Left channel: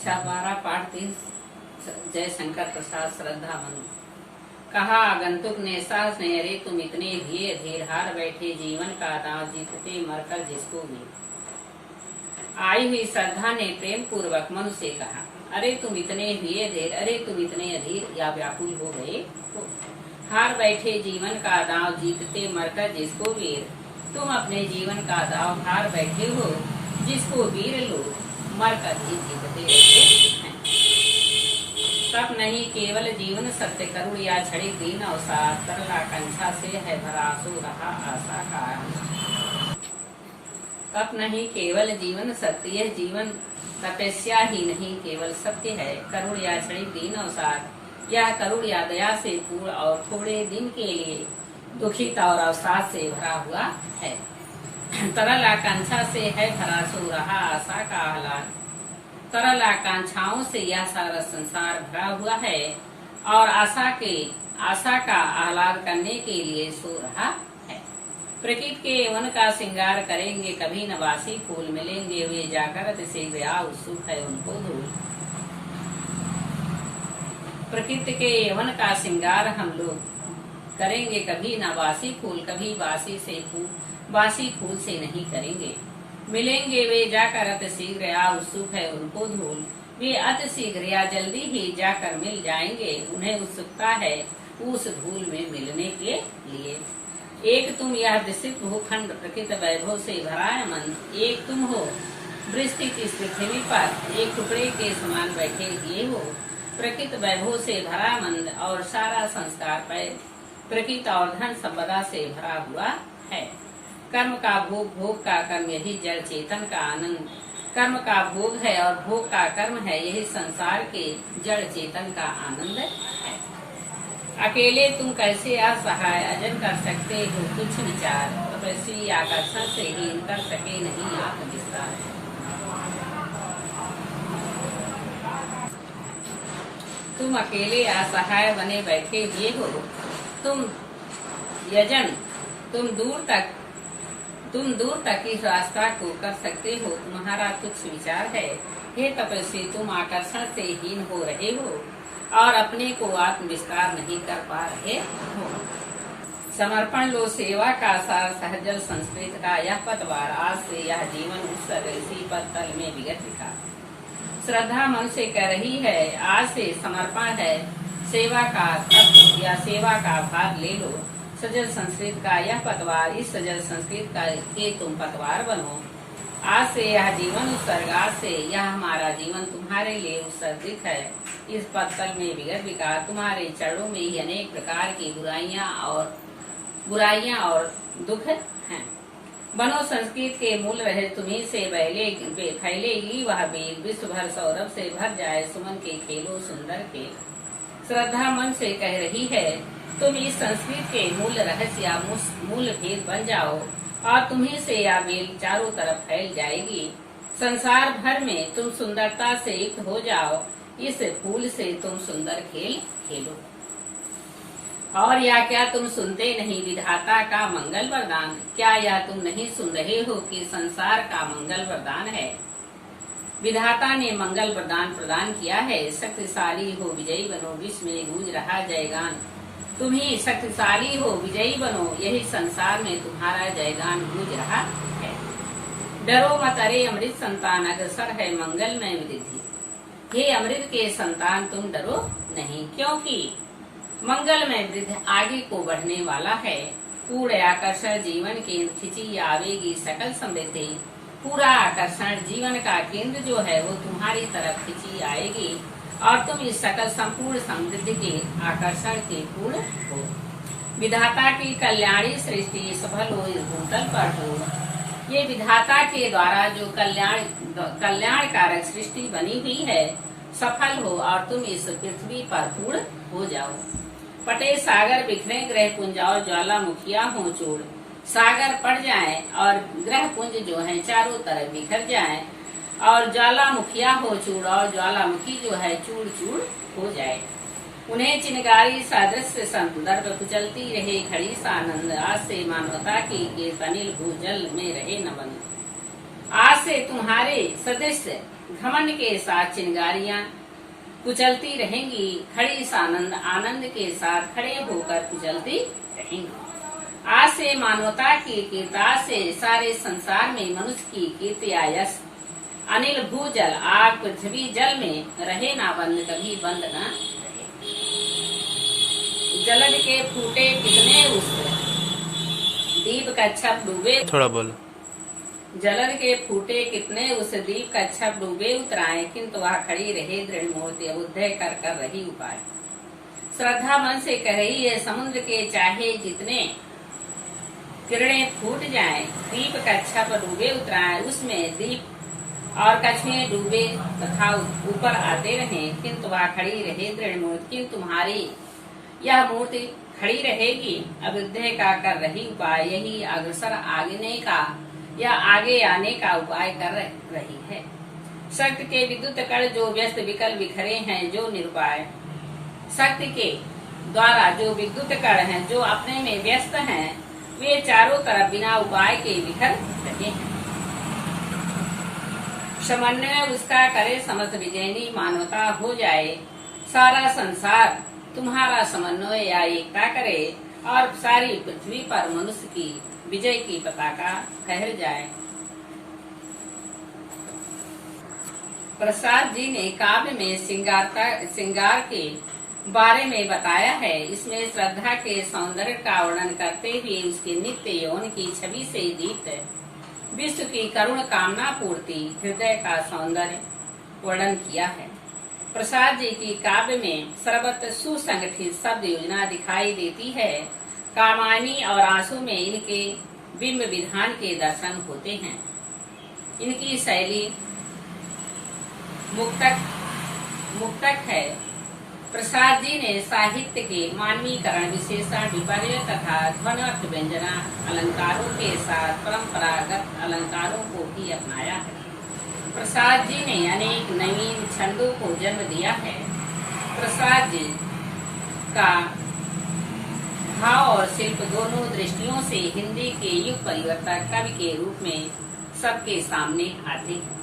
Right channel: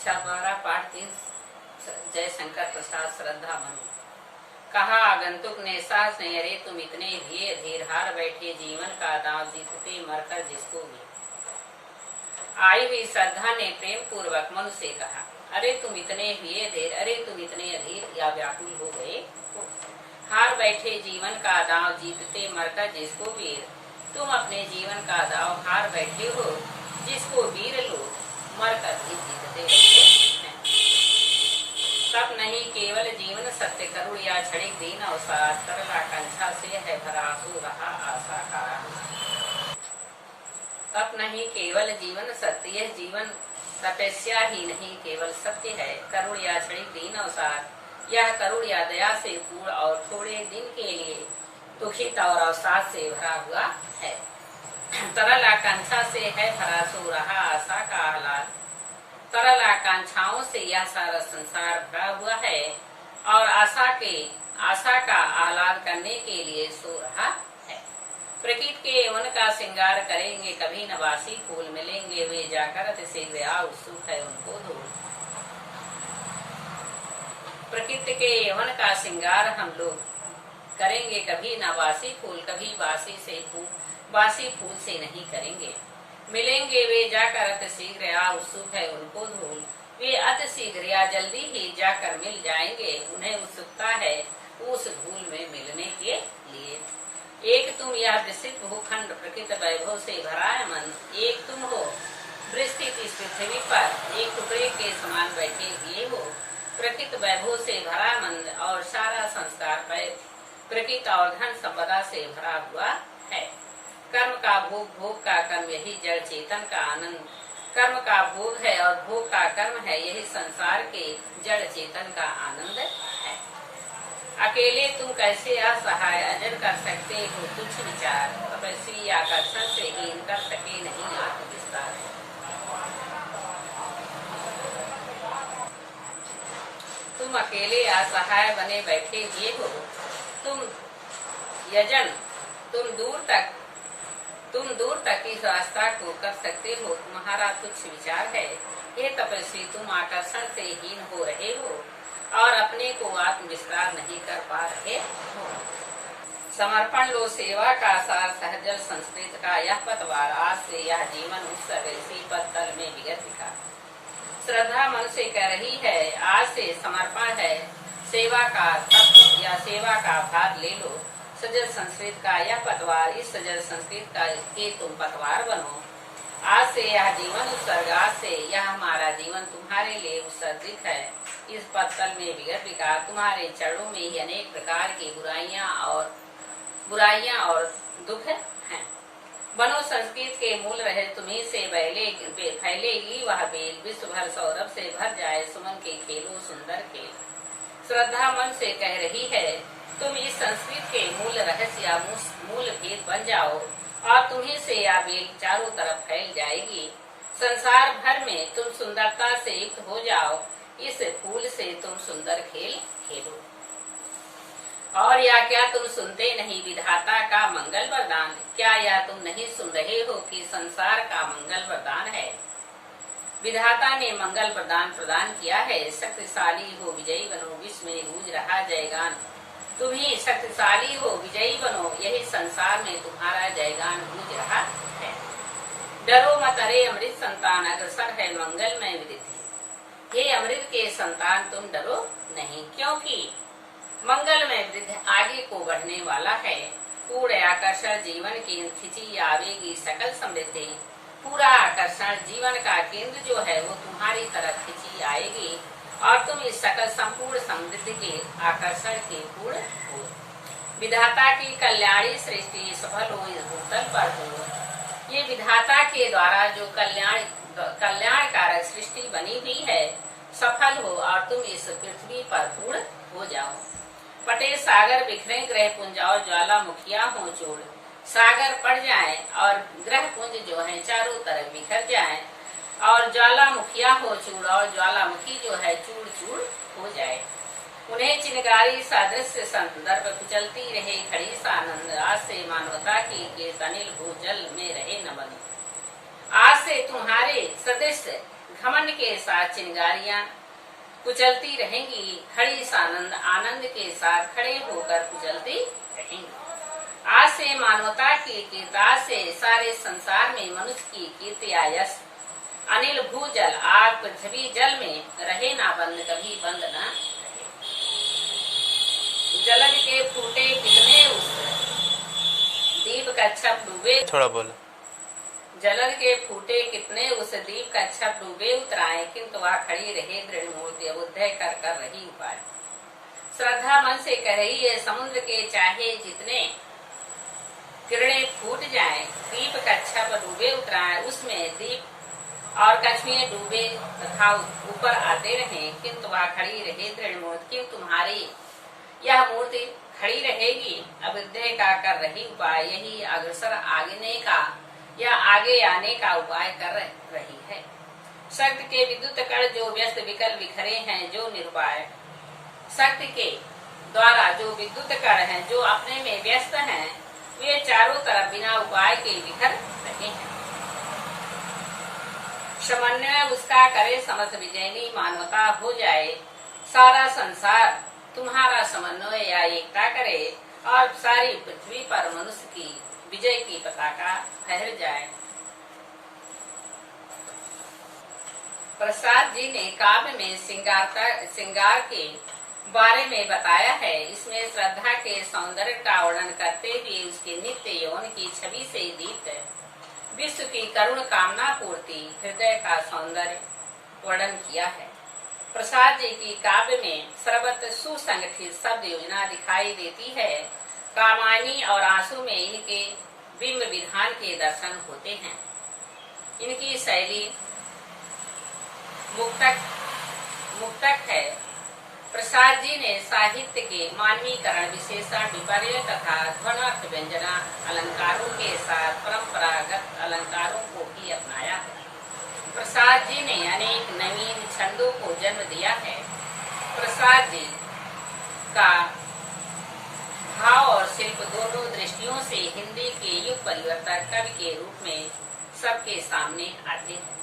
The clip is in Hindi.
कक्षा 12 पाठ 3 जय शंकर प्रसाद श्रद्धा मनु। कहा आगंतुक ने साहस ने, अरे तुम इतने धीरे धीर हार बैठे जीवन का दांव जीतते मरकर जिसको भी। आई हुई श्रद्धा ने प्रेम पूर्वक मनु से कहा, अरे तुम इतने धीरे धीर, अरे तुम इतने अधीर या व्याकुल हो गए हो। हार बैठे जीवन का दांव जीतते मरकर जिसको वीर। तुम अपने जीवन का दांव हार बैठे हो, जिसको वीर लोग मरकर भी जीतते रहते हैं। तब नहीं केवल जीवन सत्य करुण या क्षणिक दीन अवसाद, तरल आकांक्षा से है भरा आंसू रहा आशा का। तब नहीं केवल जीवन सत्य, यह जीवन तपस्या ही नहीं केवल सत्य है। करुण या क्षणिक दीन अवसाद, यह करुण या दया से पूर्ण और थोड़े दिन के लिए दुखित और अवसाद से भरा हुआ है। तरल आकांक्षा से है भरा सो रहा आशा का आह्लाद। तरल आकांक्षाओं से यह सारा संसार भरा हुआ है और आशा का आह्लाद करने के लिए सो रहा है। प्रकृति के यौवन का श्रृंगार करेंगे कभी नवासी फूल, मिलेंगे वे जाकर शीघ्र आ उत्सुक है उनको धूल। प्रकृति के यौवन का श्रृंगार हम लोग करेंगे कभी नवासी फूल, कभी बासी फूल से नहीं करेंगे। मिलेंगे वे जाकर अति शीघ्र आ उत्सुक है उनको धूल। वे अति शीघ्र या जल्दी ही जाकर मिल जाएंगे, उन्हें उत्सुकता है उस धूल में मिलने के लिए। एक तुम यह विस्तृत भूखंड प्रकृति वैभव से भरा है मन, एक तुम हो विस्तृत इस पृथ्वी पर एक टुकड़े के समान बैठे हुए हो। प्रकृति वैभव से भरा मन और सारा संस्कार प्रकृति और धन संपदा से भरा हुआ है। कर्म का भोग, भोग का कर्म, यही जड़ चेतन का आनंद। कर्म का भोग है और भोग का कर्म है, यही संसार के जड़ चेतन का आनंद है। अकेले तुम कैसे असहाय अजन कर सकते हो कुछ विचार, तपस्वी आकर्षण से हीन कर सके नहीं आत्मविस्तार। तुम अकेले असहाय बने बैठे हुए हो। तुम यजन, तुम दूर तक इस रास्ता को कर सकते हो, तुम्हारा तुच्छ विचार है। हे तपस्वी, तुम आकर्षण से हीन हो रहे हो और अपने को आत्म विस्तार नहीं कर पा रहे हो। समर्पण लो सेवा का सार, सहजल संस्कृत का यह पतवार। आज से यह जीवन उत्सव इसी पद तल में विगत लिखा। श्रद्धा मन से कह रही है, आज से समर्पण है, सेवा का तप या सेवा का भार ले लो। सजल संस्कृत का यह पतवार, इस सजल संस्कृत का के तुम पतवार बनो। आज से यह जीवन उत्सर्ग, आज से यह हमारा जीवन तुम्हारे लिए उत्सर्गित है। इस पत्तल में विगत विकार, तुम्हारे चरणों में ही अनेक प्रकार की बुराइयां और दुख हैं। बनो संस्कृत के मूल रहे तुम्ही से फैलेगी वह बेल, विश्व भर सौरभ से भर जाए सुमन के खेलो सुंदर खेल। श्रद्धा मन से कह रही है, तुम इस संस्कृत के मूल रहस्य या मूल भेद बन जाओ और तुम्ही से यह बेल चारों तरफ फैल जाएगी। संसार भर में तुम सुंदरता से युक्त हो जाओ, इस फूल से तुम सुंदर खेल खेलो। और या क्या तुम सुनते नहीं विधाता का मंगल वरदान? क्या यह तुम नहीं सुन रहे हो कि संसार का मंगल वरदान है? विधाता ने मंगल वरदान प्रदान किया है। शक्तिशाली हो विजयी बनो, विश्व में गूंज रहा जयगान। तुम ही शक्तिशाली हो विजयी बनो, यही संसार में तुम्हारा जयगान गूंज रहा है। डरो मत अरे अमृत संतान, अग्रसर है मंगलमय वृद्धि। हे अमृत के संतान, तुम डरो नहीं, क्योंकि मंगलमय वृद्धि आगे को बढ़ने वाला है। पूर्ण आकर्षण जीवन केंद्र खिंची आवेगी सकल समृद्धि। पूरा आकर्षण जीवन का केंद्र जो है वो तुम्हारी तरफ खिंची आएगी और तुम इस सकल संपूर्ण समृद्धि के आकर्षण के पूर्ण हो। विधाता की कल्याणी सृष्टि सफल हो इस भूतल पर हो। ये विधाता के द्वारा जो कल्याणकारक सृष्टि बनी हुई है सफल हो और तुम इस पृथ्वी पर पूर्ण हो जाओ। पटे सागर बिखरे ग्रह पुंज और ज्वालामुखिया हो चूड़। सागर पड़ जाए और ग्रह पुंज जो है चारों तरफ बिखर जाए और ज्वालामुखिया हो चूड़ और ज्वालामुखी जो है चूड़ चूड़ हो जाए। उन्हें चिनगारी सादृश्य संत दर्भ कुचलती रहे खड़ी सानंद। आज से मानवता की अनिल भूजल में रहे न बंद। आज से तुम्हारे सदृश घमंड के साथ चिंगारियां कुचलती रहेंगी, खड़ी सानंद आनंद के साथ खड़े होकर कुचलती रहेंगी। आज से मानवता की कीर्ति, आज से सारे संसार में मनुष्य की कीर्ति आयस, अनिल भूजल आग पृथ्वी जल में रहे ना बंद, कभी बंद न रहे। जलज के फूटे कितने उस दीप का छप डूबे, थोड़ा बोलो। जलन के फूटे कितने उस दीप का छप डूबे उतराए, किंतु वह खड़ी रहे दृढ़ मूर्ति, अबुद्धय कर रही उपाय। श्रद्धा मन से कह रही है, समुद्र के चाहे जितने किरणें फूट जाएं, दीप का छप डूबे उतराए, उसमें दीप और कछुए डूबे तथा ऊपर आते रहें, किंतु वह खड़ी रहे दृढ़ मूर्ति। किंतु तुम्हारी यह मूर्ति खड़ी रहेगी, अबुद्धय का कर रही उपाय। यही अग्रसर आगने का या आगे आने का उपाय कर रही है। शक्ति के विद्युत कण जो व्यस्त विकल बिखरे हैं, जो निरुपाय, शक्ति के द्वारा जो विद्युत कण हैं, जो अपने में व्यस्त हैं, वे चारों तरफ बिना उपाय के बिखर रहे हैं। समन्वय उसका करे समस्त विजयनी, मानवता हो जाए सारा संसार तुम्हारा समन्वय या एकता करे, और सारी पृथ्वी पर मनुष्य की विजय की पताका फहर जाए। प्रसाद जी ने काव्य में श्रृंगार के बारे में बताया है। इसमें श्रद्धा के सौंदर्य का वर्णन करते हुए उसके नित्य यौवन की छवि से दीप्त विश्व की करुण कामना पूर्ति, हृदय का सौंदर्य वर्णन किया है। प्रसाद जी की काव्य में सर्वत्र सुसंगठित शब्द योजना दिखाई देती है। कामायनी और आंसू में इनके बिंब विधान के दर्शन होते हैं। इनकी शैली मुक्तक है। प्रसाद जी ने साहित्य के मानवीकरण, विशेषण, विपर्य तथा ध्वन्यार्थ व्यंजना अलंकारों के साथ परंपरागत अलंकारों को भी अपनाया है। प्रसाद जी ने अनेक नवीन छंदों को जन्म दिया है। प्रसाद जी का भाव और शिल्प दोनों दृष्टियों से हिंदी के युग परिवर्तक कवि के रूप में सबके सामने आते हैं।